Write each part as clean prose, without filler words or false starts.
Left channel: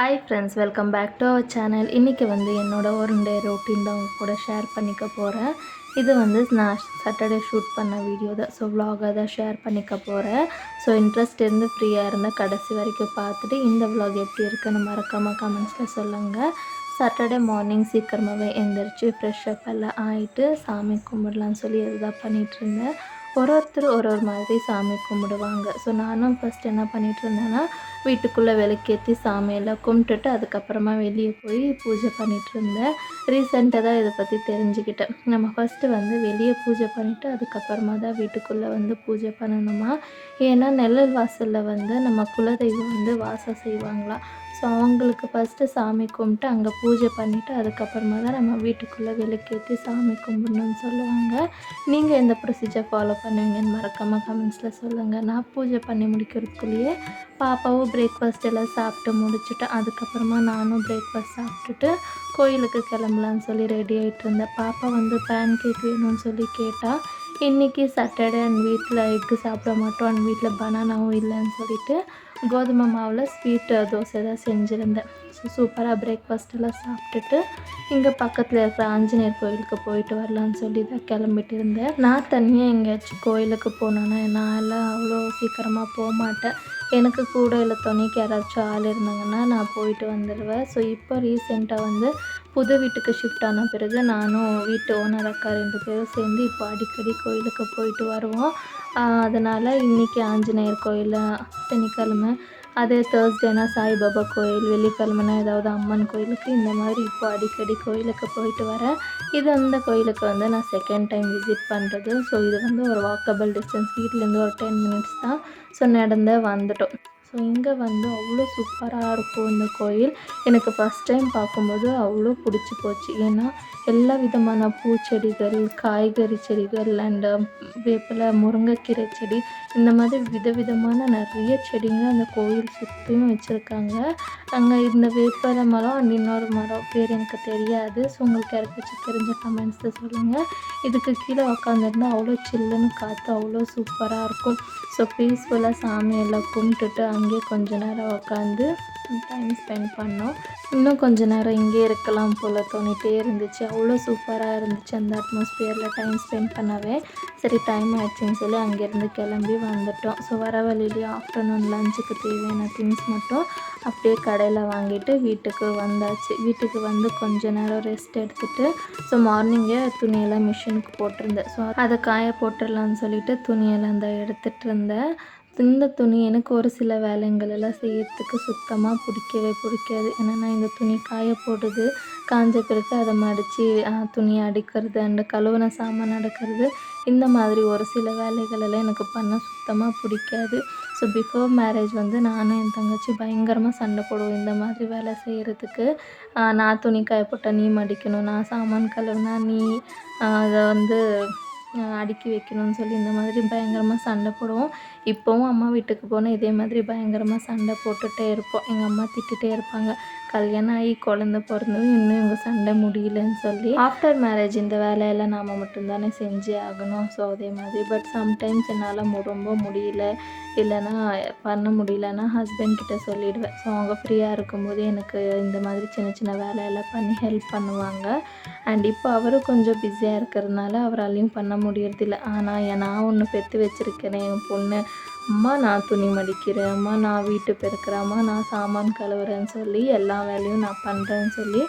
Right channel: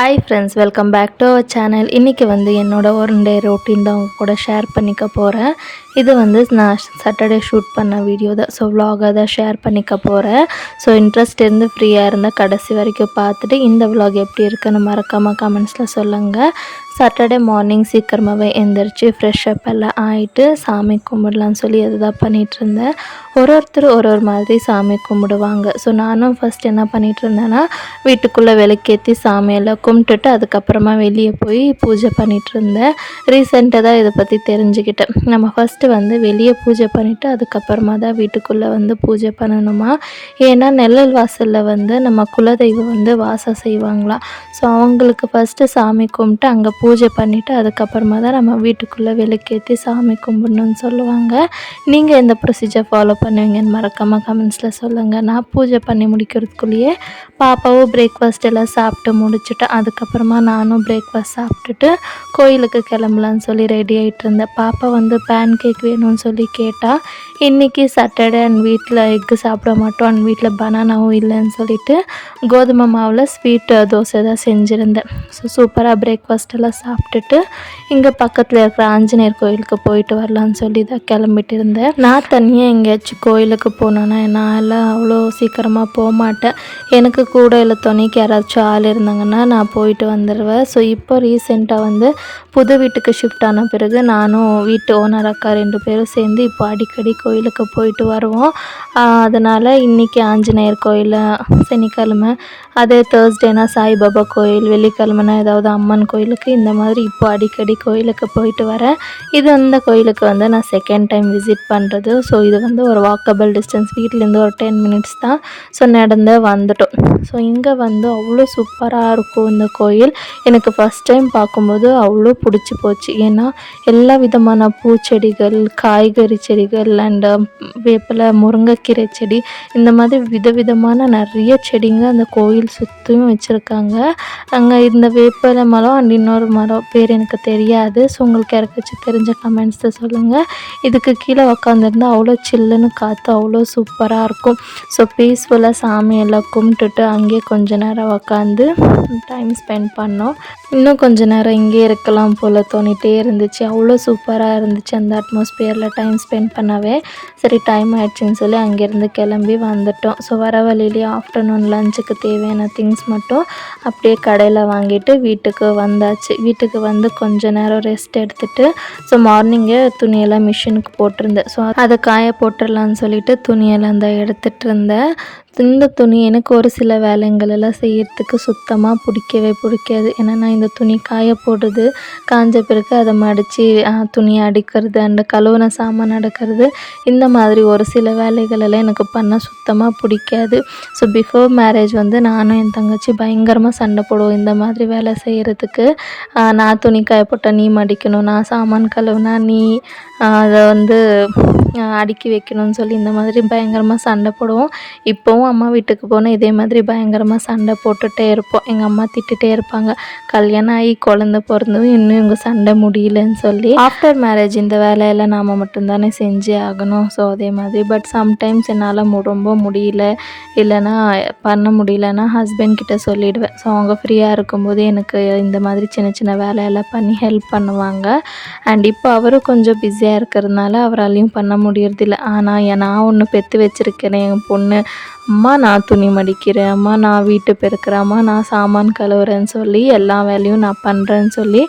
Hi friends, welcome back to our channel. இன்றைக்கி வந்து என்னோடய ஒன் டே ரொட்டீன் தான் உங்க கூட ஷேர் பண்ணிக்க போகிறேன். இது வந்து நான் சாட்டர்டே ஷூட் பண்ண வீடியோ தான். ஸோ விலாகாக தான் ஷேர் பண்ணிக்க போகிறேன். ஸோ இன்ட்ரெஸ்ட் இருந்து ஃப்ரீயாக இருந்தால் கடைசி வரைக்கும் பார்த்துட்டு இந்த விலாக் எப்படி இருக்குன்னு மறக்காமல் கமெண்ட்ஸில் சொல்லுங்கள். சாட்டர்டே மார்னிங் சீக்கிரமாகவே எழுந்திரிச்சு ஃப்ரெஷ் அப் எல்லாம் ஆகிட்டு சாமி கும்பிடலான்னு சொல்லி அதுதான் பண்ணிகிட்ருந்தேன். ஒருத்தர் ஒரு மாதிரி சாமி கும்பிடுவாங்க. ஸோ நானும் ஃபஸ்ட் என்ன பண்ணிகிட்டு இருந்தேன்னா, வீட்டுக்குள்ளே விளக்கேற்றி சாமியெல்லாம் கும்பிட்டுட்டு அதுக்கப்புறமா வெளியே போய் பூஜை பண்ணிகிட்டு இருந்தேன். ரீசெண்டாக தான் இதை பற்றி தெரிஞ்சுக்கிட்டேன். நம்ம ஃபஸ்ட்டு வந்து வெளியே பூஜை பண்ணிவிட்டு அதுக்கப்புறமா தான் வீட்டுக்குள்ளே வந்து பூஜை பண்ணணுமா. ஏன்னா நெல்லல் வாசலில் வந்து நம்ம குலதெய்வம் வந்து வாசம் செய்வாங்களாம். ஸோ அவங்களுக்கு ஃபஸ்ட்டு சாமி கும்பிட்டு அங்கே பூஜை பண்ணிவிட்டு அதுக்கப்புறமா தான் நம்ம வீட்டுக்குள்ளே விளக்கேற்றி சாமி கும்பிடணுன்னு சொல்லுவாங்க. நீங்கள் எந்த ப்ரொசீஜர் ஃபாலோ பண்ணுவீங்கன்னு மறக்காமல் கமெண்ட்ஸில் சொல்லுங்கள். நான் பூஜை பண்ணி முடிக்கிறதுக்குள்ளேயே பாப்பாவும் பிரேக்ஃபாஸ்ட் எல்லாம் சாப்பிட்டு முடிச்சுட்டு அதுக்கப்புறமா நானும் பிரேக்ஃபாஸ்ட் சாப்பிட்டுட்டு கோயிலுக்கு கிளம்பலான்னு சொல்லி ரெடி ஆகிட்டு இருந்தேன். பாப்பா வந்து பேன் கேக் வேணும்னு சொல்லி கேட்டால், இன்றைக்கி சாட்டர்டே அண்ட் வீட்டில் எக்கு சாப்பிட மாட்டோம் அண்ட் வீட்டில் பனானாவும் இல்லைன்னு சொல்லிவிட்டு கோதுமை மாவில் ஸ்வீட் தோசை தான் செஞ்சுருந்தேன். ஸோ சூப்பராக பிரேக்ஃபாஸ்ட் எல்லாம் சாப்பிட்டுட்டு இங்கே பக்கத்தில் இருக்கிற ஆஞ்சநேயர் கோயிலுக்கு போயிட்டு வரலான்னு சொல்லி தான் கிளம்பிட்டு இருந்தேன். நான் தனியாக எங்கேயாச்சும் கோயிலுக்கு போனேன்னா நான் எல்லாம் அவ்வளோ சீக்கிரமாக போக மாட்டேன். எனக்கு கூட இல்லை துணைக்கு யாராச்சும் ஆள் இருந்தாங்கன்னா நான் போயிட்டு வந்துடுவேன். ஸோ இப்போ ரீசெண்டாக வந்து புது வீட்டுக்கு ஷிஃப்ட் ஆன பிறகு நானும் வீட்டு ஓனர் அக்கா 2 பேரும் சேர்ந்து இப்போ அடிக்கடி கோயிலுக்கு போயிட்டு வருவோம். அதனால் இன்றைக்கி ஆஞ்சநேயர் கோயில், சனிக்கிழமை அதே தேர்ஸ்டேனா சாய்பாபா கோயில், வெள்ளிக்கிழமைனா ஏதாவது அம்மன் கோயிலுக்கு, இந்த மாதிரி இப்போ அடிக்கடி கோயிலுக்கு போயிட்டு வரேன். இது அந்த கோயிலுக்கு வந்து நான் செகண்ட் டைம் விசிட் பண்ணுறது. ஸோ இது வந்து ஒரு வாக்கபிள் டிஸ்டன்ஸ், வீட்டிலேருந்து ஒரு 10 மினிட்ஸ் தான். ஸோ நடந்து வந்துட்டோம். ஸோ இங்கே வந்து அவ்வளோ சூப்பராக இருக்கும் இந்த கோயில். எனக்கு ஃபஸ்ட் டைம் பார்க்கும்போது அவ்வளோ பிடிச்சி போச்சு. ஏன்னா எல்லா விதமான பூச்செடிகள், காய்கறி செடிகள் அண்ட் வேப்பிலை, முருங்கைக்கீரை செடி, இந்த மாதிரி விதவிதமான நிறைய செடிங்க அந்த கோயில் சுற்றியும் வச்சுருக்காங்க. அங்கே இந்த வேப்பிலை மரம் அண்ட் இன்னொரு மரம் பேர் எனக்கு தெரியாது. ஸோ உங்களுக்கு யாருக்காச்சும் தெரிஞ்ச கமெண்ட்ஸில் சொல்லுங்கள். இதுக்கு கீழே உக்காந்துருந்தால் அவ்வளோ சில்லுன்னு காற்று அவ்வளோ சூப்பராக இருக்கும். ஸோ பீஸ்ஃபுல்லாக சாமியெல்லாம் கும்பிட்டுட்டு அங்கேயே கொஞ்ச நேரம் உக்காந்து டைம் ஸ்பெண்ட் பண்ணோம். இன்னும் கொஞ்ச நேரம் இங்கே இருக்கலாம் போல் தோணிகிட்டே இருந்துச்சு. அவ்வளோ சூப்பராக இருந்துச்சு அந்த அட்மாஸ்பியரில் டைம் ஸ்பெண்ட் பண்ணவே. சரி டைம் ஆயிடுச்சுன்னு சொல்லி அங்கேருந்து கிளம்பி வந்துட்டோம். ஸோ வர வழியிலேயே ஆஃப்டர்நூன் லஞ்சுக்கு தேவையான திங்ஸ் மட்டும் அப்படியே கடையில் வாங்கிட்டு வீட்டுக்கு வந்தாச்சு. வீட்டுக்கு வந்து கொஞ்ச நேரம் ரெஸ்ட் எடுத்துகிட்டு ஸோ மார்னிங்கே துணியெல்லாம் மிஷினுக்கு போட்டிருந்தேன். ஸோ அதை காய போட்டுடலான்னு சொல்லிட்டு துணியெல்லாம் தான் எடுத்துகிட்டு இருந்தேன். இந்த துணி எனக்கு ஒரு சில வேலைங்கள் எல்லாம் செய்யறதுக்கு சுத்தமாக பிடிக்காது. ஏன்னா நான் இந்த துணி காய போடுறது, காஞ்ச பிறகு அதை மடித்து துணியை அடிக்கிறது அண்ட் கழுவுன சாமான் அடுக்கிறது, இந்த மாதிரி ஒரு சில வேலைகள் எல்லாம் எனக்கு பண்ண சுத்தமாக பிடிக்காது. ஸோ பிஃபோர் மேரேஜ் வந்து நானும் என் தங்கச்சி பயங்கரமாக சண்டை போடுவோம் இந்த மாதிரி வேலை செய்கிறதுக்கு. நான் துணி காய போட்டால் நீ மடிக்கணும், நான் சாமான் கழுவுனா நீ அதை வந்து அடுக்கி வைக்கணும்னு சொல்லி இந்த மாதிரி பயங்கரமாக சண்டை போடுவோம். இப்போவும் அம்மா வீட்டுக்கு போனால் இதே மாதிரி பயங்கரமாக சண்டை போட்டுகிட்டே இருப்போம். எங்கள் அம்மா திட்டுகிட்டே இருப்பாங்க, கல்யாணம் ஆகி குழந்த பிறந்ததும் இன்னும் இவங்க சண்டை முடியலன்னு சொல்லி. ஆஃப்டர் மேரேஜ் இந்த வேலையெல்லாம் நாம் மட்டும்தானே செஞ்சே ஆகணும். ஸோ அதே மாதிரி பட் சம்டைம்ஸ் என்னால் ரொம்ப முடியல, இல்லைனா பண்ண முடியலன்னா ஹஸ்பண்ட் கிட்ட சொல்லிவிடுவேன். ஸோ அவங்க ஃப்ரீயாக இருக்கும்போது எனக்கு இந்த மாதிரி சின்ன சின்ன வேலையெல்லாம் பண்ணி ஹெல்ப் பண்ணுவாங்க. அண்ட் இப்போ அவரும் கொஞ்சம் பிஸியாக இருக்கிறதுனால அவராலையும் பண்ண முடியறதில்ல. ஆனால் நான் ஒன்று பெற்று வச்சுருக்கிறேன், என் பொண்ணு, அம்மா நான் துணி மடிக்கிறேன், அம்மா நான் வீட்டு பெருக்கிறேன், அம்மா நான் சாமான் கழுவுறேன்னு சொல்லி எல்லா வேலையும் நான் பண்ணுறேன்னு சொல்லி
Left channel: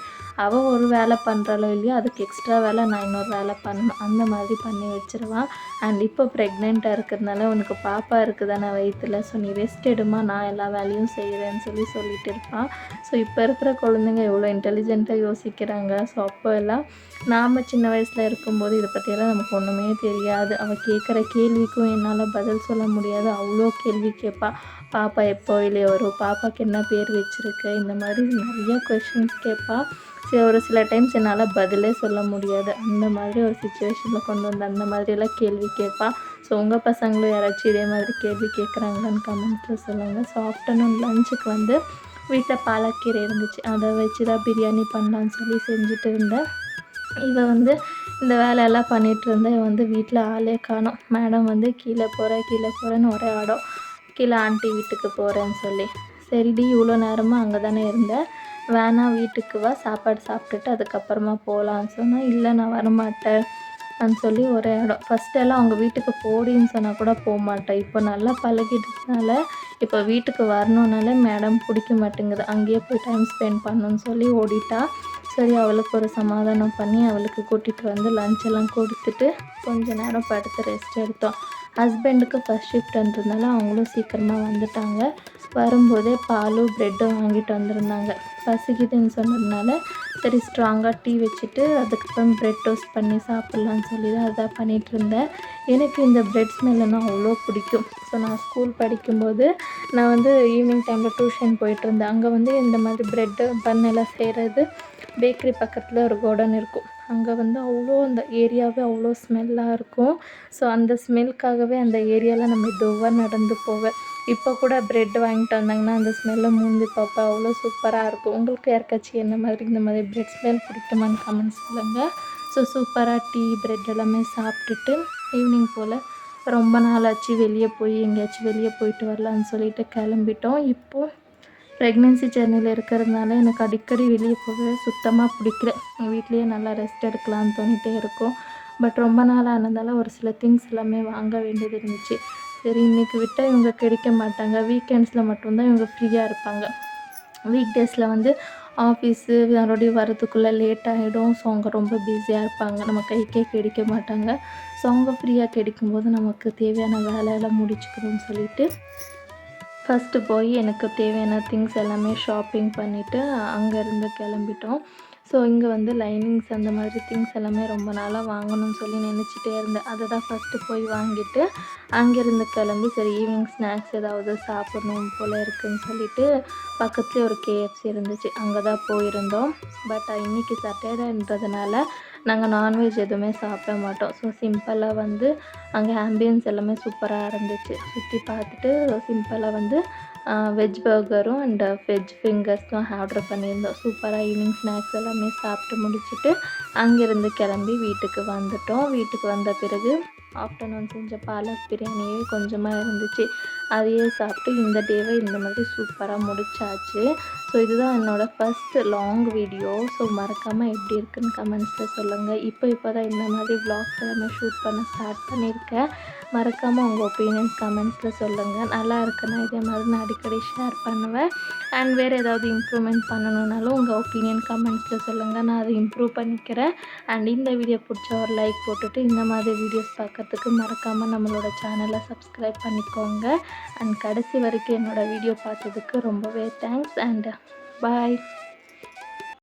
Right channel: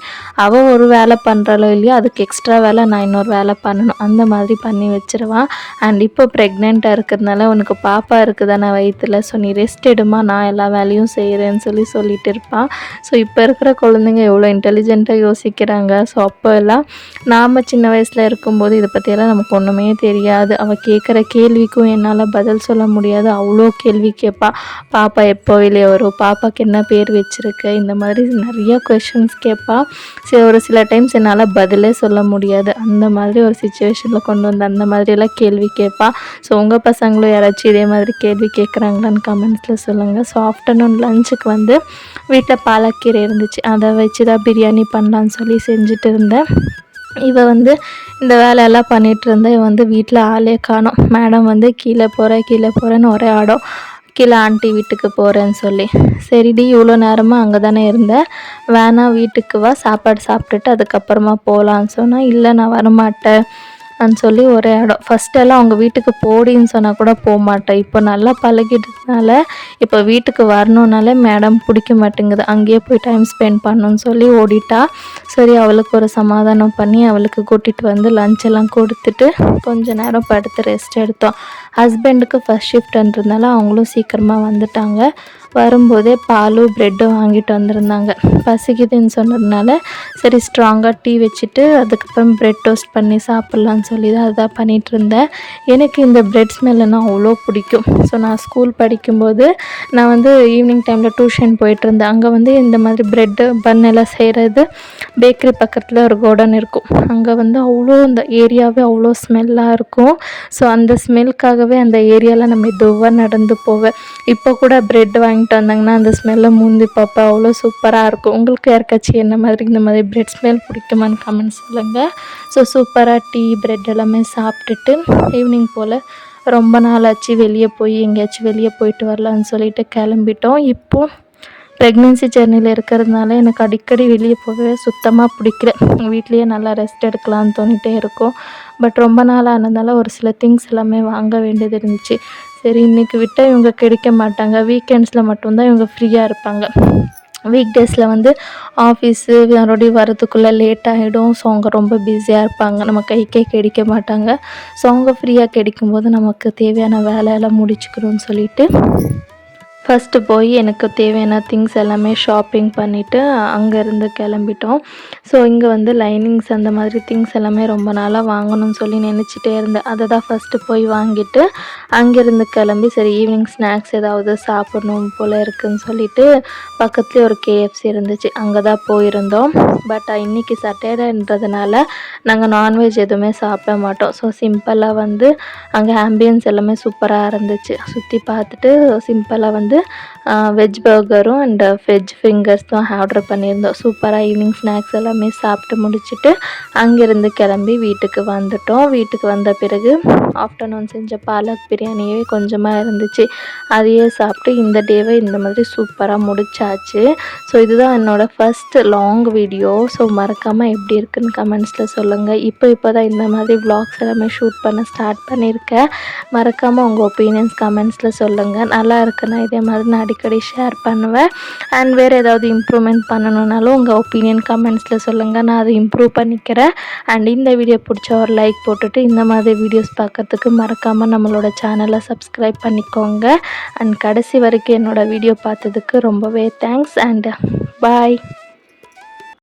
அவள் ஒரு வேலை பண்ணுறாளோ இல்லையோ அதுக்கு எக்ஸ்ட்ரா வேலை நான் இன்னொரு வேலை பண்ணணும், அந்த மாதிரி பண்ணி வச்சுருவான். அண்ட் இப்போ ப்ரெக்னெண்ட்டாக இருக்கிறதுனால உனக்கு பாப்பா இருக்குதானே வயிற்றில், ஸோ நீ ரெஸ்ட் எடுமா, நான் எல்லா வேலையும் செய்கிறேன்னு சொல்லிட்டு இருப்பான். ஸோ இப்போ இருக்கிற குழந்தைங்க எவ்வளோ இன்டெலிஜென்ட்டாக யோசிக்கிறாங்க. ஸோ அப்போ எல்லாம் நாம் சின்ன வயசில் இருக்கும்போது இதை பற்றியெல்லாம் நமக்கு ஒன்றுமே தெரியாது. அவள் கேட்குற கேள்விக்கும் என்னால் பதில் சொல்ல முடியாது. அவ்வளோ கேள்வி கேட்பா. பாப்பா எப்போ வெளியே வரும், பாப்பாவுக்கு என்ன பேர் வச்சுருக்க, இந்த மாதிரி நிறைய கொஷின்ஸ் கேட்பா. சரி, ஒரு சில டைம்ஸ் என்னால் பதிலே சொல்ல முடியாது. அந்த மாதிரி ஒரு சுச்சுவேஷனில் கொண்டு வந்து அந்த மாதிரியெல்லாம் கேள்வி கேட்பா. ஸோ உங்கள் பசங்களும் யாராச்சும் இதே மாதிரி கேள்வி கேட்குறாங்களான்னு கமெண்ட்ஸில் சொல்லுங்கள். ஸோ ஆஃப்டர்நூன் லஞ்சுக்கு வந்து வீட்டில் பாலக்கீரை இருந்துச்சு, அதை வச்சு தான் பிரியாணி பண்ணலான்னு சொல்லி செஞ்சுட்டு இருந்தேன். இவள் வந்து இந்த வேலையெல்லாம் பண்ணிகிட்டு இருந்தேன். இவன் வந்து வீட்டில் ஆளே காணோம். மேடம் வந்து கீழே போகிறேன்னு ஒரே ஆடம். கீழே ஆண்டி வீட்டுக்கு போகிறேன்னு சொல்லி. சரிடி இவ்வளோ நேரமாக அங்கே தானே இருந்தேன், வேணாம் வீட்டுக்கு வா, சாப்பாடு சாப்பிட்டுட்டு அதுக்கப்புறமா போகலான்னு சொன்னால், இல்லை நான் வரமாட்டேன் சொல்லி ஒரே இடம். ஃபஸ்ட்டெல்லாம் அவங்க வீட்டுக்கு போடின்னு சொன்னால் கூட போக மாட்டேன். இப்போ நல்லா பழகிட்டதுனால இப்போ வீட்டுக்கு வரணுன்னாலே மேடம் பிடிக்க மாட்டேங்குது, அங்கேயே போய் டைம் ஸ்பெண்ட் பண்ணணுன்னு சொல்லி ஓடிட்டா. சரி அவளுக்கு ஒரு சமாதானம் பண்ணி அவளுக்கு கூட்டிகிட்டு வந்து லஞ்ச் எல்லாம் கொடுத்துட்டு கொஞ்ச நேரம் படுத்து ரெஸ்ட் எடுத்தோம். ஹஸ்பண்டுக்கு ஃபஸ்ட் ஷிஃப்ட்ன்றதுனால அவங்களும் சீக்கிரமாக வந்துட்டாங்க. வரும்போதே பாலும் ப்ரெட்டும் வாங்கிட்டு வந்திருந்தாங்க. பசிக்குதுன்னு சொன்னதுனால சரி ஸ்ட்ராங்காக டீ வச்சுட்டு அதுக்கப்புறம் ப்ரெட் டோஸ்ட் பண்ணி சாப்பிட்லான்னு சொல்லி தான் அதான் பண்ணிகிட்டு இருந்தேன். எனக்கு இந்த ப்ரெட் ஸ்மெல்லுன்னா அவ்வளோ பிடிக்கும். ஸோ நான் ஸ்கூல் படிக்கும்போது நான் வந்து ஈவினிங் டைமில் டியூஷன் போயிட்டுருந்தேன். அங்கே வந்து இந்த மாதிரி ப்ரெட்டு பன் எல்லாம் செய்கிறது பேக்கரி பக்கத்தில் ஒரு கோடன் இருக்கும். அங்கே வந்து அவ்வளோ அந்த ஏரியாவே அவ்வளோ ஸ்மெல்லாக இருக்கும். ஸோ அந்த ஸ்மெல்க்காகவே அந்த ஏரியாவில் நான் மெதுவாக நடந்து போவேன். இப்போ கூட ப்ரெட் வாங்கிட்டு வந்தாங்கன்னா அந்த ஸ்மெல்லை மூந்தி பார்ப்பேன், அவ்வளோ சூப்பராக இருக்கும். உங்களுக்கு யாருக்காச்சும் என்ன மாதிரி இந்த மாதிரி ப்ரெட் ஸ்மெல் பிடிக்குமான்னு கமெண்ட் சொல்லுங்கள். ஸோ சூப்பராக டீ ப்ரெட் எல்லாமே சாப்பிட்டுட்டு ஈவினிங் போல் ரொம்ப நாள் ஆச்சு வெளியே போய் எங்கேயாச்சும் வெளியே போயிட்டு வரலான்னு சொல்லிட்டு கிளம்பிட்டோம். இப்போது ப்ரெக்னென்சி ஜெர்னியில் இருக்கிறதுனால எனக்கு அடிக்கடி வெளியே போகவே சுத்தமாக பிடிக்கல. வீட்லேயே நல்லா ரெஸ்ட் எடுக்கலான்னு தோணிகிட்டே இருக்கும். பட் ரொம்ப நாள் ஆனதால் ஒரு சில திங்ஸ் எல்லாமே வாங்க வேண்டியது இருந்துச்சு. சரி இன்றைக்கி விட்டால் இவங்க கிடைக்க மாட்டாங்க, வீக்கெண்ட்ஸில் மட்டும்தான் இவங்க ஃப்ரீயாக இருப்பாங்க. வீக் டேஸில் வந்து ஆஃபீஸு மறுபடியும் வரதுக்குள்ளே லேட் ஆகிடும். ஸோ அவங்க ரொம்ப பிஸியாக இருப்பாங்க, நம்ம கைக்கே கிடைக்க மாட்டாங்க. ஸோ அவங்க ஃப்ரீயாக கிடைக்கும்போது நமக்கு தேவையான வேலையெல்லாம் முடிச்சுக்கணும்னு சொல்லிட்டு ஃபஸ்ட்டு போய் எனக்கு தேவையான திங்ஸ் எல்லாமே ஷாப்பிங் பண்ணிவிட்டு அங்கேருந்து கிளம்பிட்டோம். ஸோ இங்கே வந்து லைனிங்ஸ் அந்த மாதிரி திங்ஸ் எல்லாமே ரொம்ப நாளாக வாங்கணும்னு சொல்லி நினச்சிட்டே இருந்தேன். அதை தான் ஃபஸ்ட்டு போய் வாங்கிட்டு அங்கேருந்து கிளம்பி சரி ஈவினிங் ஸ்நாக்ஸ் ஏதாவது சாப்பிடணும் போல் இருக்குதுன்னு சொல்லிட்டு பக்கத்துலேயே ஒரு KFC இருந்துச்சு, அங்கே தான் போயிருந்தோம். பட் இன்றைக்கி சட்டர்டேன்றதுனால நாங்கள் நான்வெஜ் எதுவுமே சாப்பிட மாட்டோம். ஸோ சிம்பிளாக வந்து அங்கே ஆம்பியன்ஸ் எல்லாமே சூப்பராக இருந்துச்சு. சுற்றி பார்த்துட்டு சிம்பிளாக வந்து வெஜ் பர்கரும் அண்ட் வெஜ் ஃபிங்கர்ஸ் தான் ஆர்டர் பண்ணியிருந்தோம். சூப்பராக ஈவினிங் ஸ்நாக்ஸ் எல்லாமே சாப்பிட்டு முடிச்சுட்டு அங்கேருந்து கிளம்பி வீட்டுக்கு வந்துட்டோம். வீட்டுக்கு வந்த பிறகு ஆஃப்டர்நூன் செஞ்ச பாலக் பிரியாணியே கொஞ்சமாக இருந்துச்சு, அதையே சாப்பிட்டு இந்த டேவை இந்த மாதிரி சூப்பராக முடிச்சாச்சு. ஸோ இதுதான் என்னோடய ஃபஸ்ட்டு லாங் வீடியோ. ஸோ மறக்காமல் எப்படி இருக்குன்னு கமெண்ட்ஸில் சொல்லுங்கள். இப்போ தான் இந்த மாதிரி vlogs எல்லாமே ஷூட் பண்ண ஸ்டார்ட் பண்ணியிருக்கேன். மறக்காமல் உங்கள் ஒப்பீனியன்ஸ் கமெண்ட்ஸில் சொல்லுங்கள். நல்லா இருக்குன்னா இதே மாதிரி நான் அடிக்கடி ஷேர் பண்ணுவேன். அண்ட் வேறு ஏதாவது இம்ப்ரூவ்மெண்ட் பண்ணணுன்னாலும் உங்கள் ஒப்பீனியன் கமெண்ட்ஸில் சொல்லுங்கள், நான் அதை இம்ப்ரூவ் பண்ணிக்கிறேன். அண்ட் இந்த வீடியோ பிடிச்ச ஒரு லைக் போட்டுட்டு இந்த மாதிரி வீடியோஸ் பார்க்குறதுக்கு மறக்காமல் நம்மளோட சேனலை சப்ஸ்கிரைப் பண்ணிக்கோங்க. அண்ட் கடைசி வரைக்கும் என்னோடய வீடியோ பார்த்ததுக்கு ரொம்பவே தேங்க்ஸ் அண்ட் பாய்.